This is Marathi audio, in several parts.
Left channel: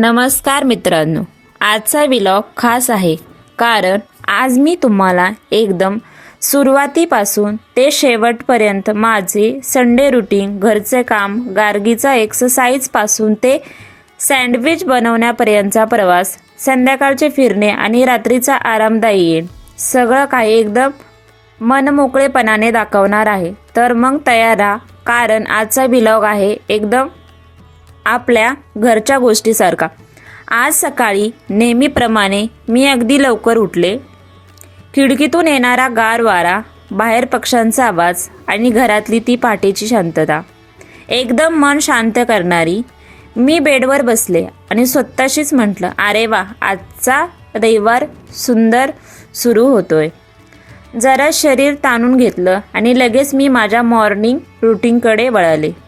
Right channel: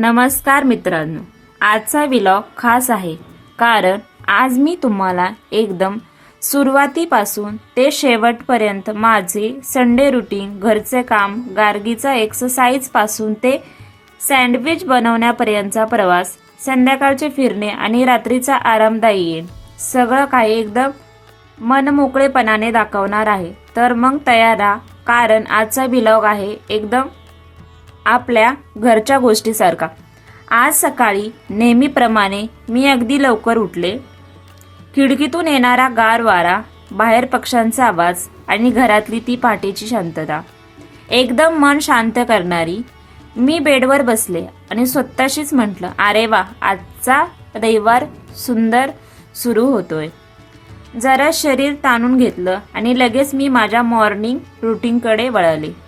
नमस्कार मित्रांनो आजचा विलॉग खास आहे. कारण आज मी तुम्हाला एकदम सुरुवातीपासून ते शेवटपर्यंत माझे संडे रुटीन घरचे काम गार्गीचा एक्सरसाइजपासून ते सँडविच बनवण्यापर्यंतचा प्रवास संध्याकाळचे फिरणे आणि रात्रीचा आरामदायी येईल सगळं काही एकदम मनमोकळेपणाने दाखवणार आहे. तर मग तयार राहा. कारण आजचा विलॉग आहे एकदम आपल्या घरच्या गोष्टीसारखा. आज सकाळी नेहमीप्रमाणे मी अगदी लवकर उठले. खिडकीतून येणारा गार वारा बाहेर पक्ष्यांचा आवाज आणि घरातली ती पहाटेची शांतता. एकदम मन शांत करणारी मी बेडवर बसले आणि स्वतःशीच म्हटलं अरे वा आजचा रविवार सुंदर सुरू होतोय. जरा शरीर ताणून घेतलं आणि लगेच मी माझ्या मॉर्निंग रुटीनकडे वळाले.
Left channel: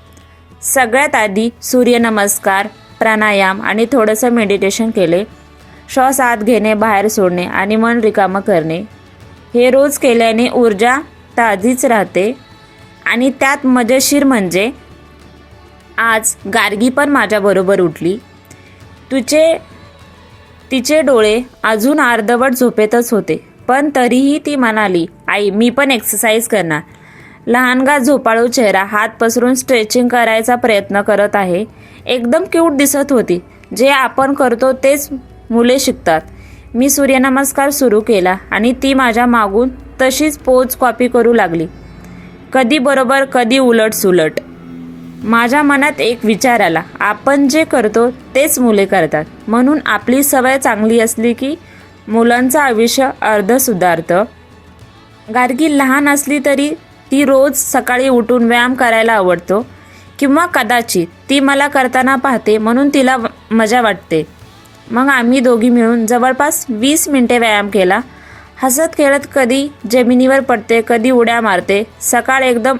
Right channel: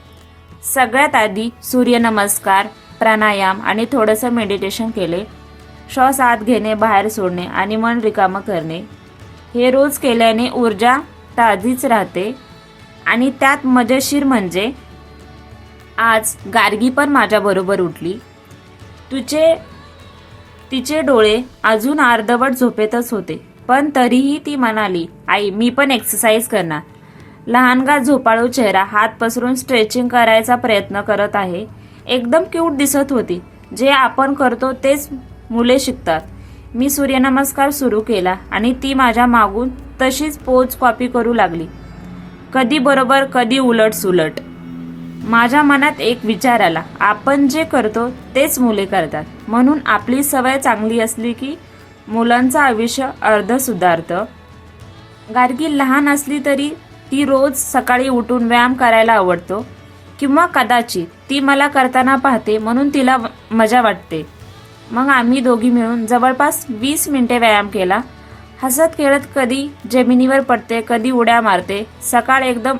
सगळ्यात आधी सूर्यनमस्कार प्राणायाम आणि थोडंसं मेडिटेशन केले. श्वास आत घेणे बाहेर सोडणे आणि मन रिकामं करणे. हे रोज केल्याने ऊर्जा ताजीच राहते. आणि त्यात मजेशीर म्हणजे आज गार्गी पण माझ्याबरोबर उठली. तुझे तिचे डोळे अजून अर्धवट झोपेतच होते. पण तरीही ती म्हणाली आई मी पण एक्सरसाइज करणार. लहानगा झोपाळू चेहरा हात पसरून स्ट्रेचिंग करायचा प्रयत्न करत आहे. एकदम क्यूट दिसत होती. जे आपण करतो तेच मुले शिकतात. मी सूर्यनमस्कार सुरू केला आणि ती माझ्या मागून तशीच पोच कॉपी करू लागली. कधी बरोबर कधी उलट सुलट माझ्या मनात एक विचार आला. आपण जे करतो तेच मुले करतात. म्हणून आपली सवय चांगली असली की मुलांचं आयुष्य अर्ध सुधारतं. गार्गी लहान असली तरी ती रोज सकाळी उठून व्यायाम करायला आवडतो किंवा कदाचित ती मला करताना पाहते म्हणून तिला मजा वाटते. मग आम्ही दोघी मिळून जवळपास वीस मिनिटे व्यायाम केला. हसत खेळत कधी जमिनीवर पडते कधी उड्या मारते. सकाळ एकदम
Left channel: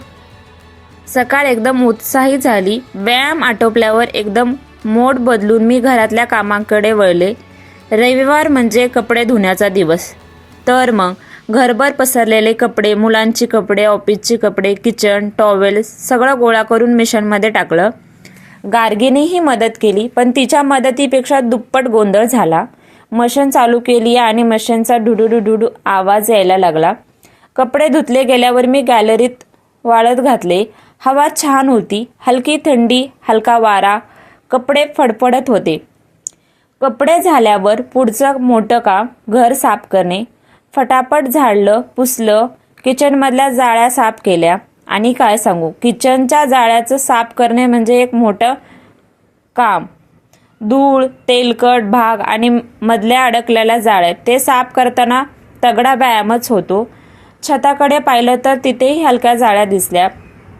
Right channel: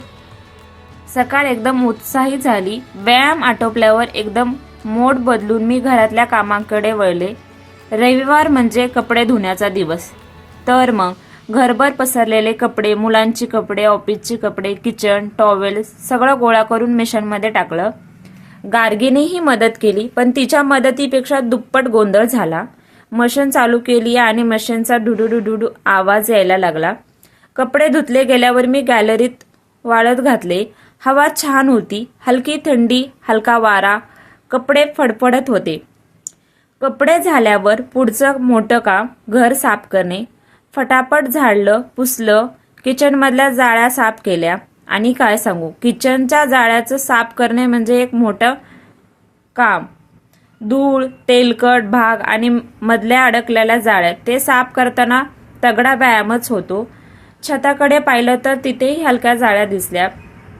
सकाळ एकदम उत्साही झाली. व्यायाम आटोपल्यावर एकदम मोड बदलून मी घरातल्या कामांकडे वळले. रविवार म्हणजे कपडे धुण्याचा दिवस. तर मग घरभर पसरलेले कपडे मुलांची कपडे ऑफिसचे कपडे किचन टॉवेल सगळं गोळा करून मिशनमध्ये टाकलं. गार्गीनेही मदत केली पण तिच्या मदतीपेक्षा दुप्पट गोंधळ झाला. मशीन चालू केली आणि मशीनचा डुडू आवाज यायला लागला. कपडे धुतले गेल्यावर मी गॅलरीत वाळत घातले. हवा छान होती हलकी थंडी हलका वारा कपडे फडफडत होते. कपडे झाल्यावर पुढचं मोठं काम घर साफ करणे फटाफट झाडलं पुसलं किचनमधल्या जाळ्या साफ केल्या. आणि काय सांगू? किचनच्या जाळ्याचं साफ करणे म्हणजे एक मोठं काम. धूळ तेलकट भाग आणि मधल्या अडकलेल्या जाळ्या ते साफ करताना तगडा व्यायामच होतो. छताकडे पाहिलं तर तिथेही हलक्या जाळ्या दिसल्या.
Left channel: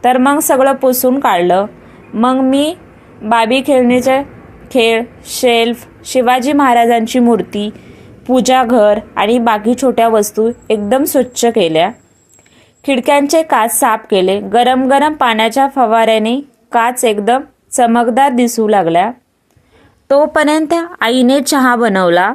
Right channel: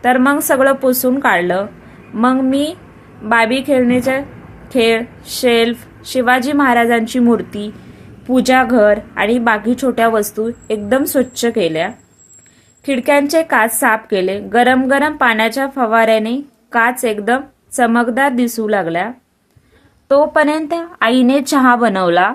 तर मग सगळं पुसून काढलं. मग मी बाबी खेळणीचे खेळ शेल्फ शिवाजी महाराजांची मूर्ती पूजा घर आणि बाकी छोट्या वस्तू एकदम स्वच्छ केल्या. खिडक्यांचे काच साफ केले. गरम गरम पाण्याच्या फवाऱ्याने काच एकदम चमकदार दिसू लागल्या. तोपर्यंत आईने चहा बनवला.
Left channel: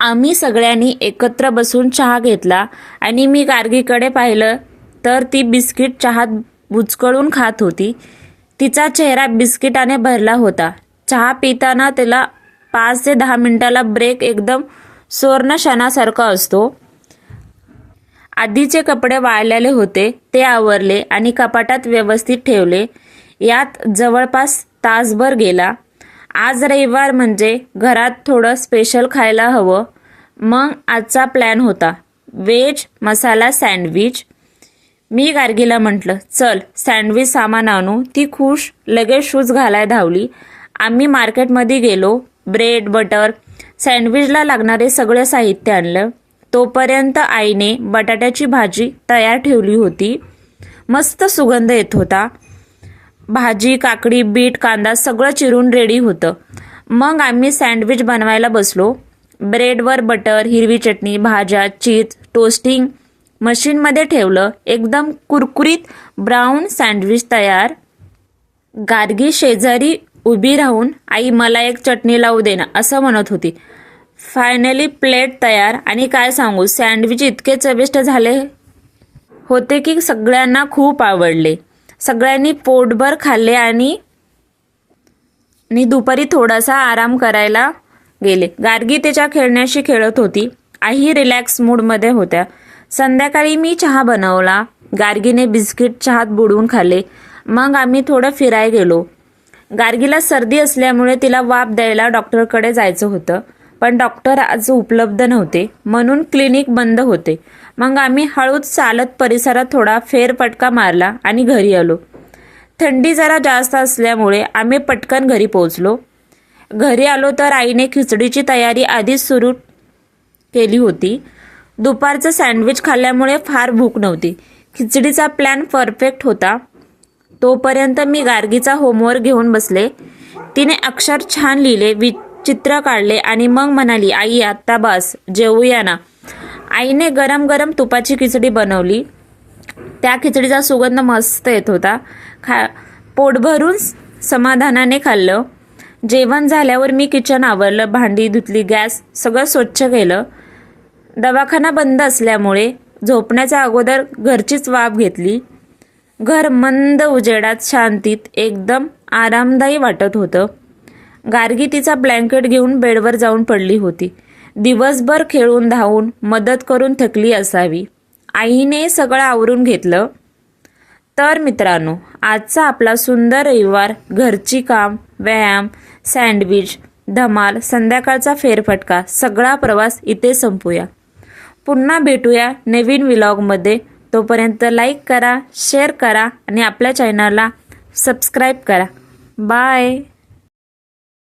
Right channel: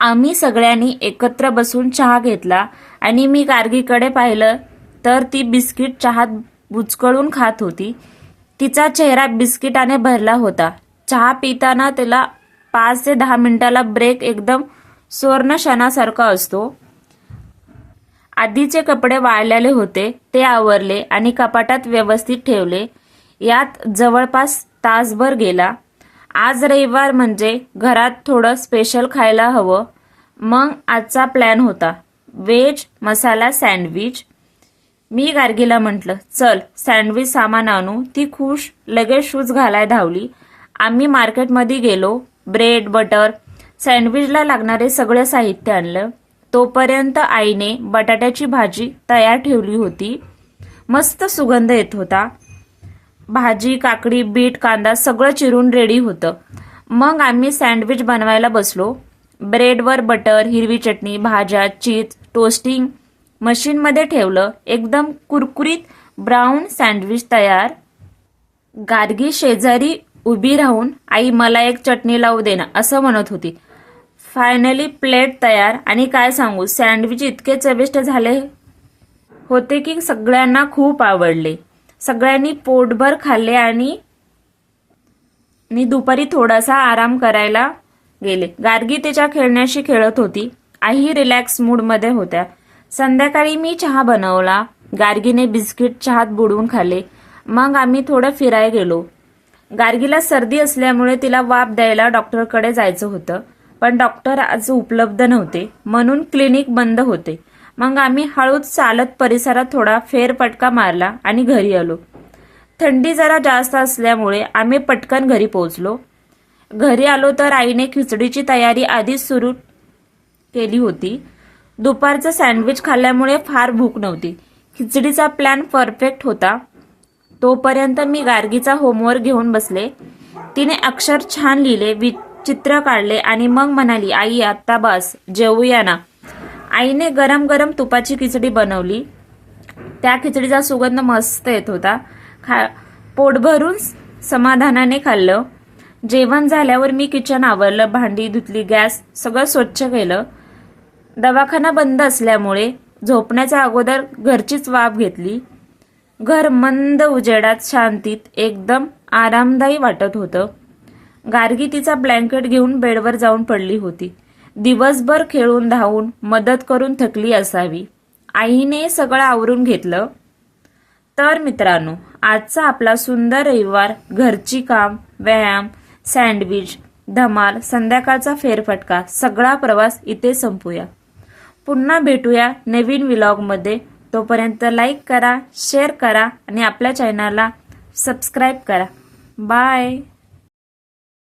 आम्ही सगळ्यांनी एकत्र बसून चहा घेतला आणि मी गार्गीकडे पाहिलं तर ती बिस्किट चहात बुचकळून खात होती. तिचा चेहरा बिस्किटाने भरला होता. चहा पिताना तिला पाच ते दहा मिनिटाला ब्रेक एकदम सुवर्ण क्षणासारखा असतो. आधीचे कपडे वाळलेले होते ते आवरले आणि कपाटात व्यवस्थित ठेवले. यात जवळपास तासभर गेला. आज रविवार म्हणजे घरात थोडं स्पेशल खायला हवं. मग आजचा प्लॅन होता. व्हेज मसाला सँडविच मी गार्गीला म्हटलं चल सँडविच सामान आणू. ती खुश लगेच शूज घालाय धावली. आम्ही मार्केटमध्ये गेलो. ब्रेड बटर सँडविचला लागणारे सगळं साहित्य आणलं. तोपर्यंत आईने बटाट्याची भाजी तयार ठेवली होती. मस्त सुगंध येत होता. भाजी काकडी बीट कांदा सगळं चिरून रेडी होतं. मग आम्ही सँडविच बनवायला बसलो. ब्रेडवर बटर हिरवी चटणी भाज्या चीज टोस्टिंग मशीनमध्ये ठेवलं. एकदम कुरकुरीत ब्राऊन सँडविच तयार. गार्गी शेजारी उभी राहून आई मला एक चटणी लावू दे ना असं म्हणत होती. फायनली प्लेट तयार. आणि काय सांगू सँडविच इतके चविष्ट झाले होते की सगळ्यांना खूप आवडले. सगळ्यांनी पोटभर खाल्ले आणि दुपारी थोडासा आराम करायला गेले. गार्गी त्याच्या खेळण्याशी खेळत होती. आई रिलॅक्स मूडमध्ये होत्या. संध्याकाळी मी चहा बनवला. गार्गीने बिस्किट चहात बुडवून खाल्ले. मग आम्ही थोडं फिरायला गेलो. गार्गीला सर्दी असल्यामुळे तिला वाफ द्यायला डॉक्टरकडे जायचं होतं पण डॉक्टर आज उपलब्ध नव्हते. म्हणून क्लिनिक बंद होते. मग आम्ही हळूच चालत परिसरात थोडा फेरपटका मारला आणि घरी आलो. थंडी जरा जास्त असल्यामुळे आम्ही पटकन घरी पोहोचलो. घरी आलो तर आईने खिचडीची तयारी आधीच सुरू केली होती. दुपारचं सँडविच खाल्ल्यामुळे फार भूक नव्हती. खिचडीचा प्लॅन परफेक्ट होता. तोपर्यंत मी गार्गीचा होमवर्क घेऊन बसले. तिने अक्षर छान लिहिले वि चित्र काढले आणि मग म्हणाली आई आत्ता बस जेवूया ना. आईने गरम गरम तुपाची खिचडी बनवली. त्या खिचडीचा सुगंध मस्त येत होता. खा पोटभरून समाधानाने खाल्लं. जेवण झाल्यावर मी किचन आवरलं भांडी धुतली गॅस सगळं स्वच्छ केलं. दवाखाना बंद असल्यामुळे झोपण्याच्या अगोदर घरचीच वाफ घेतली. घर मंद उजेडात शांतीत एकदम आरामदायी वाटत होतं. गार्गी तिचा ब्लँकेट घेऊन बेडवर जाऊन पडली होती. दिवसभर खेळून धावून मदत करून थकली असावी. आईने सगळं आवरून घेतलं. तर मित्रांनो आजचा आपला सुंदर रविवार घरची काम व्यायाम सँडविच धमाल संध्याकाळचा फेरफटका सगळा प्रवास इथे संपूया. पुन्हा भेटूया नवीन व्लॉगमध्ये. तोपर्यंत लाईक करा शेअर करा आणि आपल्या चॅनलला सबस्क्राईब करा. बाय